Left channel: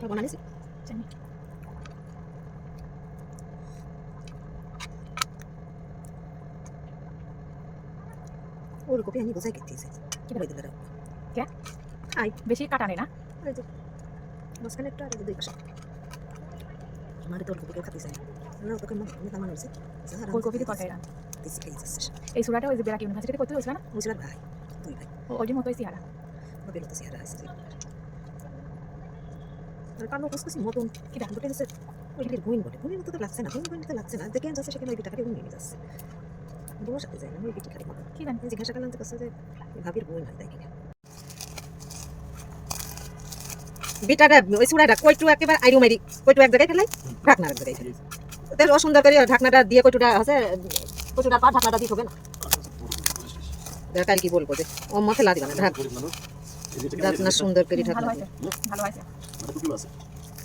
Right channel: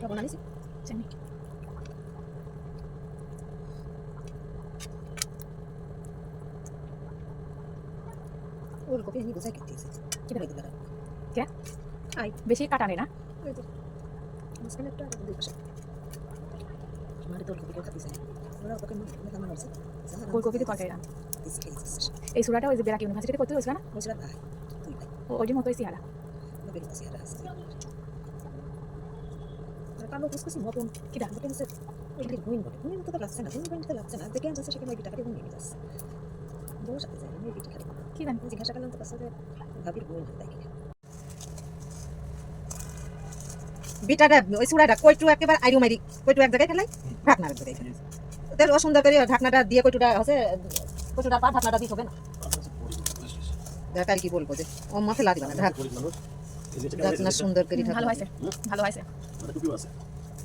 লবণ আনিস জানি ওলকপি আমি গোছাই কেটেছি কীভাবে দিলে রাখব কে? আই বেশি কাটা নেই না যে মাঝখানে একটু আর দুই পাশে মারে তো ওলকপি কেউ খাতে ওরা ওকে মানে মেলা মানুষ আছে ফুলকপি দিয়ে রান এই সুরাটা ওই যে বেড়াক ইউনিভার্সিটিতে করতে হয়েছিল না বুঝলাম ভাই তুই ভাই ও ওই মতোই সিহারা ওকে কুসকুসি মতন কি বটে লাগছে না লাগছে না দেখে যাচ্ছে সেখানে ওই নিয়ে যাচ্ছে যায় না ওই কি জানি জিজ্ঞাসা করলাম তো কাছে যে ভাবির হয় ওই আইরু মারি এক জায়গায় ফেলাই ঢাকনা এক জায়গায় অসুন্দর করে ঢাকনাটা দিয়ে কইটুটা আছে পা ঢাকনাটা দিয়ে হবে না দেখা কি বলব যে ও মতে লাগবে না ঢাকনা সুন্দর করে ভালো ঢাকনা হয়েছে ভালো হয়েছে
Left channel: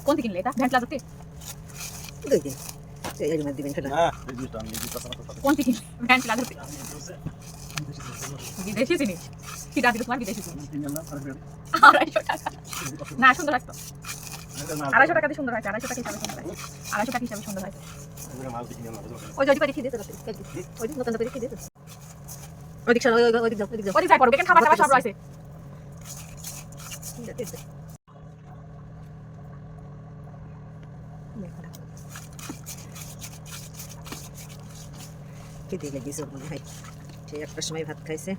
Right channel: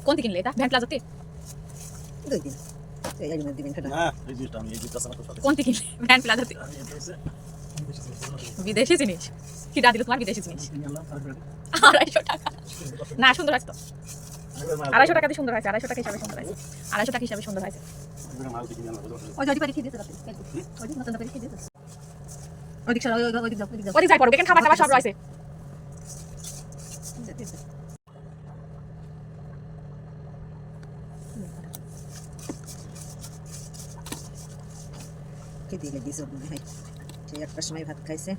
কোন থেকে কিনলে এটা? ভ্যান দুই দিন এই কোন থেকে কিনলে ভ্যান প্লাজাতে। বিদেশি জিনিস। কি দিল তোমার বিদেশি জিনিস? আড়াইশো টাকা। না সুন্দর আসতো আড়াইশো টাকা দিয়ে সুন্দর হয়েছে আড়াইশো টাকা হিসাবে সুন্দর হয়েছে। আড়াইশো টাকা হিসাবে সুন্দর হয়েছে। ওই যে ওই দিতে ওই দিন নতুন দিতে যাও। যাও ওদিক যাই পড়ো খাবার টাবার সব রয়েছে? লেগেছে মনে হয় সে একটার সময় ভাত খাইছে।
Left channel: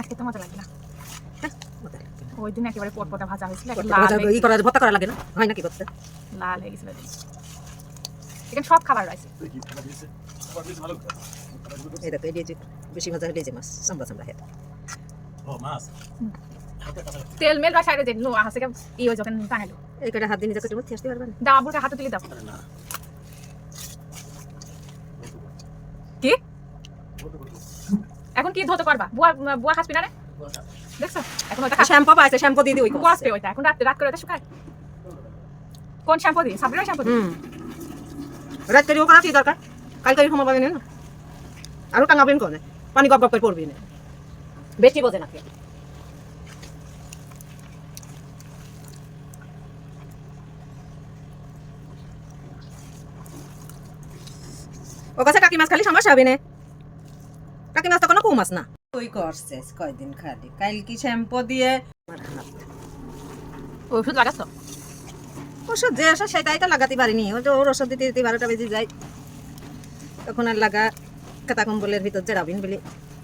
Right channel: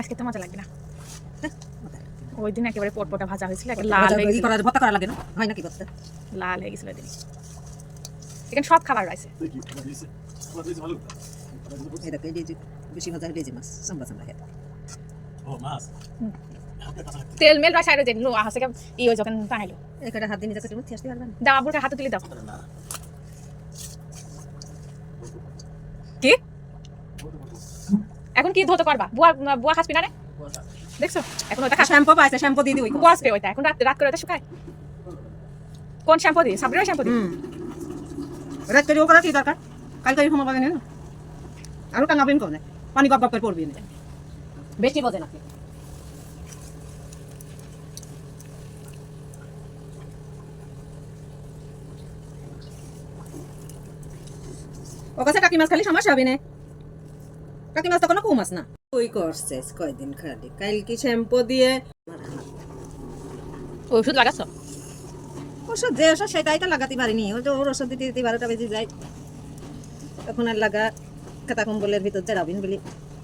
আজকে তো মজা লাগবে না। হ্যাঁ। ওই দিন একেবারে পটপটা ভাজা হয়েছিল লাল হয়ে করা ভর্তা করা লাগে না? হয় নাকি ভর্তা? লাল হয়ে গেছিল এখানে সব খাবার রয়েছে। এই দেখো এই যে বেশি মজা হলে যে মাছ তেল মেল বা সাইডে লো হাসে ই যখন টাঙাইলো এই কটা হাত দিয়ে নিজে মধ্যে আসতে পারবেন হাতে তুলে দাও। কি? এখন কি ধরতে পারবা? বুয়া বুয়া খাসবি না রে দেখছ? এখন ওটা শ্যাম্পু পাইছে শ্যাম্পু দিয়ে দিই বুয়া আসবে ওইটা। এখন রাত রাত করে ওটা শুকায়। কোন শ্যাম্পু দিই সাবরিনা শ্যাম্পু দিই রাত করে ওখানে কি দরকার? কালকে সময় পাবেন না। আরও টাঙাবেন কোনে? পানি গপ গপ করে পড়বি না। বেশি বোঝে নাকি ও কাছে টাকি মাছ খালি সমস্যা হবে না। টাকি মাছ তো কোনো কম মাছ না। ওই করছিস কয়দিন খালি? কাল কি শ্যাম্পু দিয়ে ওষুধ লাগাচ্ছ? ওষুধ যে ওষুধ সেটাই তো লাগাতে পারিনি। ওই তো ওর ওষুধ দিতে দিতে বারোটা বেজে যায়। তখন আর লাগা কাতা কম্বলের ভিতর জেরাবিন বলে।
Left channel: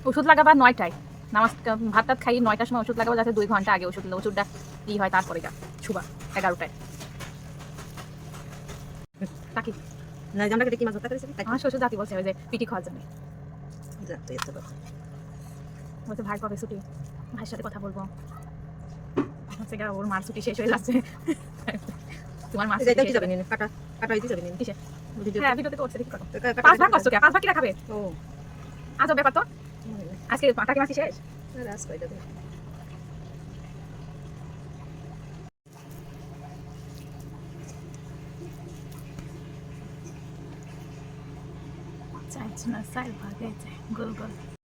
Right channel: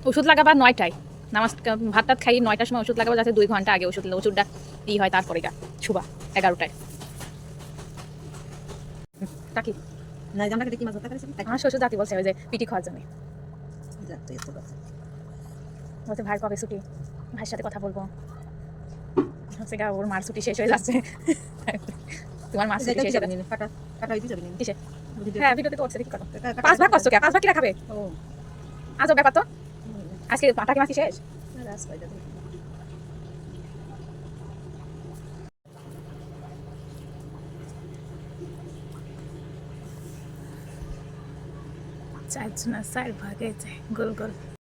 ওষুধ লাগাবা নয়টায়। নামাজ ভাত টাত খাই নয়টার সময় ওষুধ লাগাবা যাতে দুই ঘণ্টা আগে ওষুধ ওষুধটা ই হয় তারপরে গা। ছুবা এগারোটায়। টাকি না কেটে কি মাছ আমার শ্বশুর জাতি বলছে ওই যে পিটি খাওয়ার জন্য। বলছে ভাই কবে ছুটি? ভাইয়ের সাথে কথা বলব। হচ্ছে গা ওর মার ছুটি শেষ হয়ে যাচ্ছে। তোমার মার ছুটি শেষ কাটা কাটা হইতে যাবে কিসে? হ্যাঁ ভিডিওতে করছে দেখি কাটা- পাঁচ ভাগ করছ কে পাঁচ ভাগ কিরা খাবে? ও। ব্যাপার তো? আজকে মাছ কি শেষ? আরে আস কয়টা দে। চার জন চার ভাগে যায় গোল গোল